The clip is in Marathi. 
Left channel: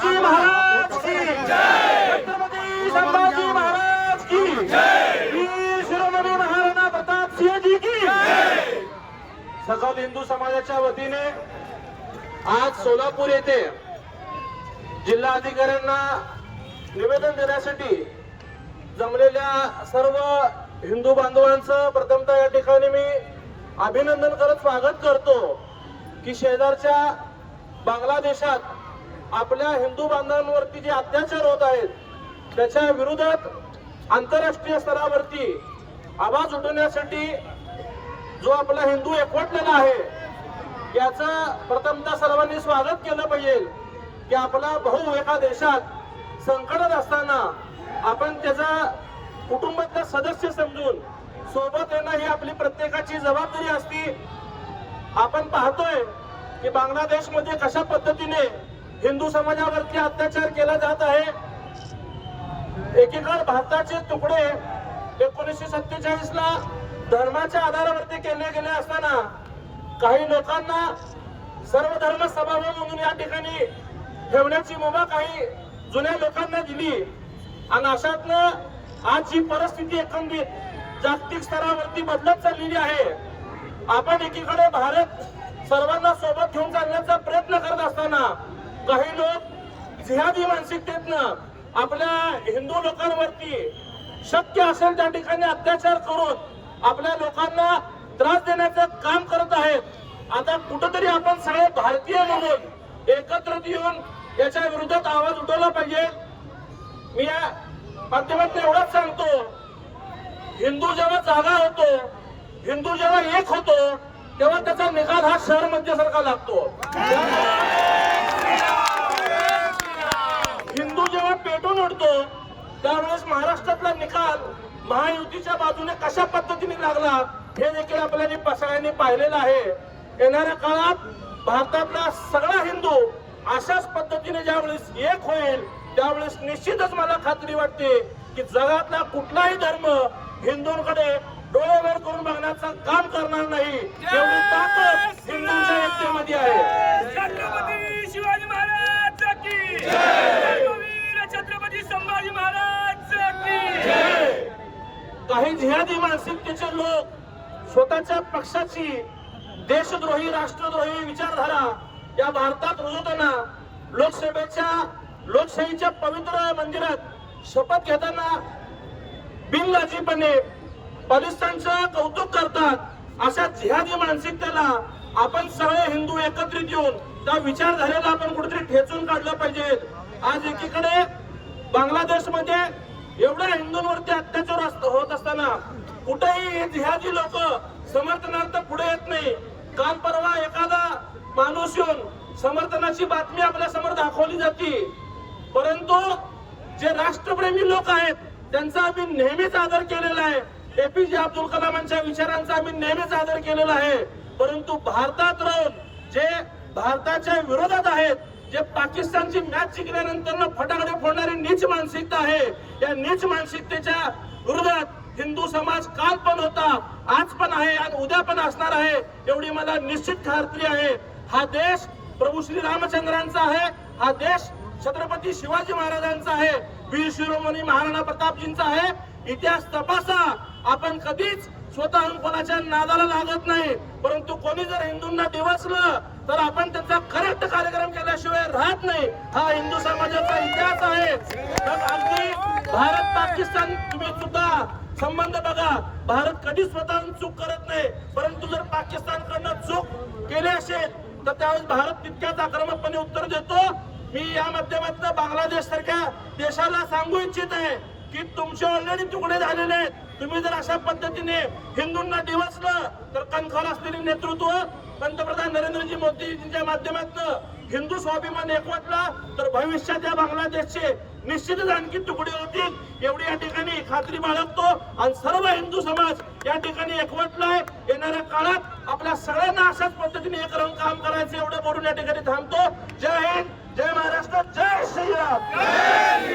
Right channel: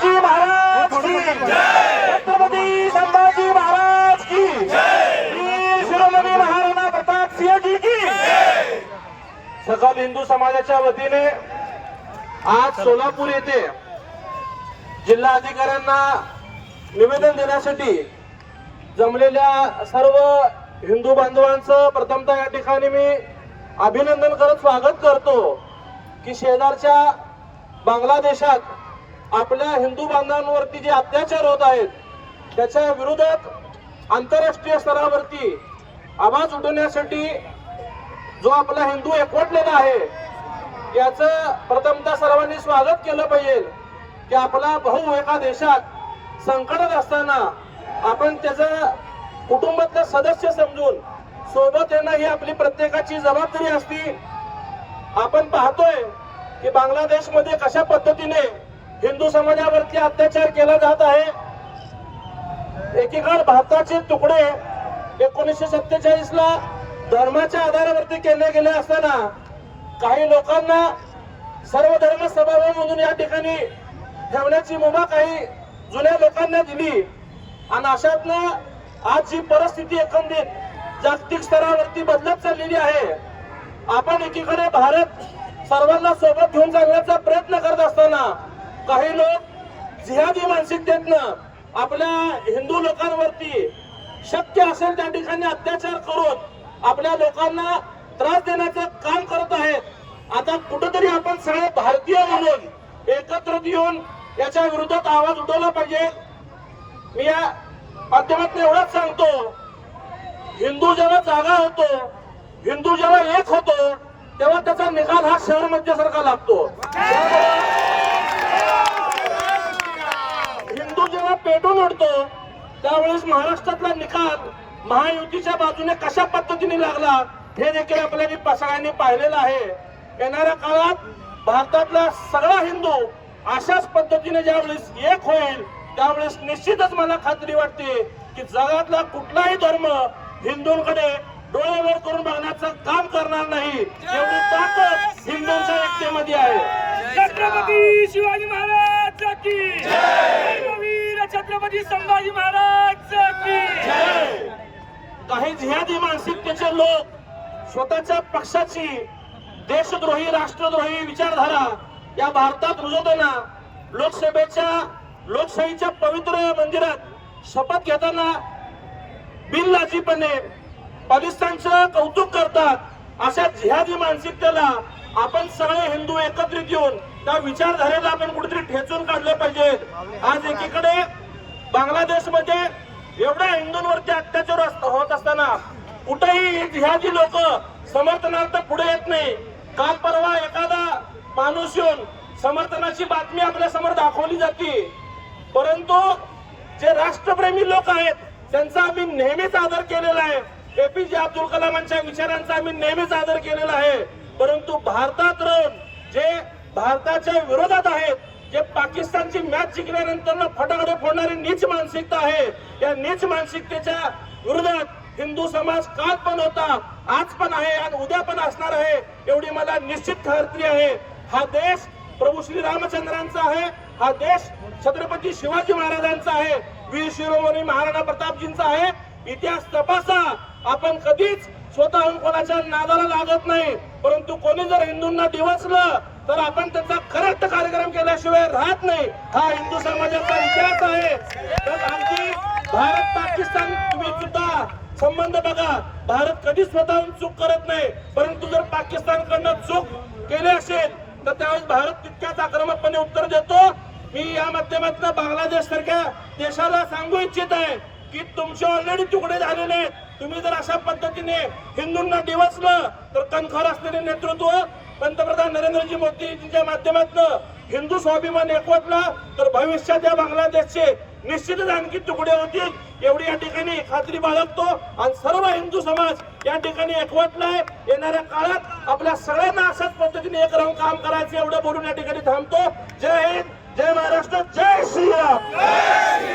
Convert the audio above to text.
संभाजी महाराज की छत्रपती संभाजी महाराज की वीर शिरोमणी महाराणा प्रताप सिंह जी की सकल हिंदू समाजाच्या वतीने आज सोलापूर येथे जिल्हा अधिकाऱ्यांना निवेदन देण्यासाठी जमलेल्या सर्व हिंदू बांधवांचं प्रथमतः या ठिकाणी मी अभिनंदन करत स्वागत करतो की शेजारच्या बांगलादेशात आपल्या हिंदू बांधवांवरती जे अत्याचार होत आहेत त्याच्या विरोधात आंतरराष्ट्रीय स्तरावरती आवाज उठवण्यासाठी जो आपला हिंदू एकवटलेला आहे याचं प्रथमतः सर्वांनी स्वागत केलं पाहिजे की आपला भाऊ एका देशात संकटात असताना आपण त्याचा कुटुंबातला सदस्य समजून सोबत येणं ही आपली प्रत्येकाची जबाबदारी असती. आपण पाहतोय की बांगलादेशमध्ये कशा पद्धतीने हिंदू समाजावरती अत्याचार केला जात आहे. एकीकडे भारताचे तुकडे एकोणीसशे सत्तेचाळीस ला धर्माच्या आधारावरती केले गेले असताना काही लोकांना सर्व धर्म सभाव म्हणून या ठिकाणी ठेवण्याची मुभा काही जुन्या लोकांना दिली. आणि अशातनं आज जी परिस्थिती एकंदरीत जागतिक स्तरावरती बदलत चाललेली आहे आपण एकीकडे भारत सर्वांना सोबत घेऊन चालण्याचा प्रयत्न करत असताना काही लोक जिहादी मानसिकतेतनं आपल्या हिंदू लोकांवरती शक्य असेल त्या ठिकाणी अत्याचार करून आपल्या लोकांना त्रास देण्याचं काम करत आहेत. आता कुठंतरी आपण सगळे भारतीय म्हणून एकत्रित येऊन याच्या विरोधात आवाज उठवला पाहिजे. मी या माध्यमात एवढंच सांगतो. हिंदू जेव्हा जागा होतो हिंदू जेव्हा एक होतो तेव्हा त्याचा निकाल हा शहर मध्यसारखा लागतो हिंदू जेव्हा पेटून उठतो त्यावेळेस महाराष्ट्रातला निकाल महायुतीच्या बाजूने कशा पद्धतीने लागला हे देखील आपल्याला सगळ्यांनी पाहिलेलं आहे. येणाऱ्या काळात भारतातला सगळा हिंदू अशाच पद्धतीने ज्यावेळेस एक होईल त्यावेळेस निश्चितच मला खात्री वाटते की जगातला कुठलाही धर्म हिंदूंकडे डोळे वर करून बघण्याचं काम करणार नाही. एवढी ताकद हिंदूंच्या एकतेमध्ये आहे. छत्रपती शिवाजी महाराज की छत्रपती संभाजी महाराज काही जिहादी मानसिकतेचे लोक. स्वतःच्या पक्षाची देशद्रोही राष्ट्रद्रोही विचारधारा या भारतात रुजवताना लोकसभेच्या लोकशाहीच्या पवित्र मंदिरात शपथ घेताना बिनलाजीपणे पाकिस्तानचं कौतुक करतात. अशा जिहादी मानसिकतेला आपण सगळे हिंदू एकत्रित येऊन त्या विचारधारेला आपण कुठेतरी ठेचून काढलं पाहिजे. आज एकीकडे बांगलादेशमध्ये एवढ्या हिंदूंवरती अत्याचार होत असताना कुठेही ह्या जी लोक समर्थनार्थ पुढे येत नाही. काल परवा एखादा माणूस येऊन समर्थनाची बातमी आपल्यासमोर दाखवली जाते. परंतु जे राष्ट्रप्रेमी लोक आहेत त्यांचा आम्ही नेहमीच आदर केलेला आहे. एपीजे अब्दुल कलामांच्या विचारांचा आम्ही नेहमीच आदर केलेला आहे. परंतु भारतात राहून जे भारताच्या विरोधात आहेत जे पाकिस्तानची मॅच जिंकल्यानंतर फटाकडे फोडणारी नीच मानसिकता आहे. या नीच मानसिकतेच्या विरोधात हिंदू समाज काल पण होता आज पण आहे आणि उद्या पण असणार आहे एवढी मला निश्चित खात्री आहे. हा देश प्रभू श्री रामचंद्रांचा आहे हा देश छत्रपती शिवाजी महाराजांचा आहे वीर शिरोमणी महाराणा प्रतापजींचा आहे. इतिहास तपासा आपण कधीच स्वतःहून कोणाच्या नादाला लागत नाही परंतु कोणी जर हिंदूंना दिवसलं तर आपण त्यांचा खरंच कार्यक्रम केल्याशिवाय राहत नाही. हा हिंदू समाजाचा इतिहास आहे. तर आणखी भारत पाकिस्तान तुम्ही सुद्धा संबंध बघा. भारत कधी स्वतःहून चूक करत नाही. परंतु जर पाकिस्तानकडनं चूक केली असेल तर त्यावेळेस भारत तितक्याच आक्रमकपणे उत्तर देतो. मी या माध्यमातून बांगलादेश सारख्या देशाला सांगू इच्छित आहे की तुमचे ऑलरेडी तुकडे झालेले आहेत. तुम्ही जर अशा पद्धतीने हिंदूंना डिवचलं तर कणखर असलेले नेतृत्व पंतप्रधान नरेंद्रजी मोदींच्या माध्यमातून हिंदू स्वाभिमान एकवटला तर भविष्यात या बांगलादेशचे निश्चितच आणखी तुकडे होतील. एवढी या ठिकाणी खात्री बाळगतो आणि सर्व हिंदू समाज या ठिकाणी एकवटलाय. येणाऱ्या काळात आपल्या सगळ्यांना अशाच पद्धतीने एक राहून काम करायचं एवढं बोलून या ठिकाणी थांबतो. जय हिंद जय महाराष्ट्र जय श्रीराम.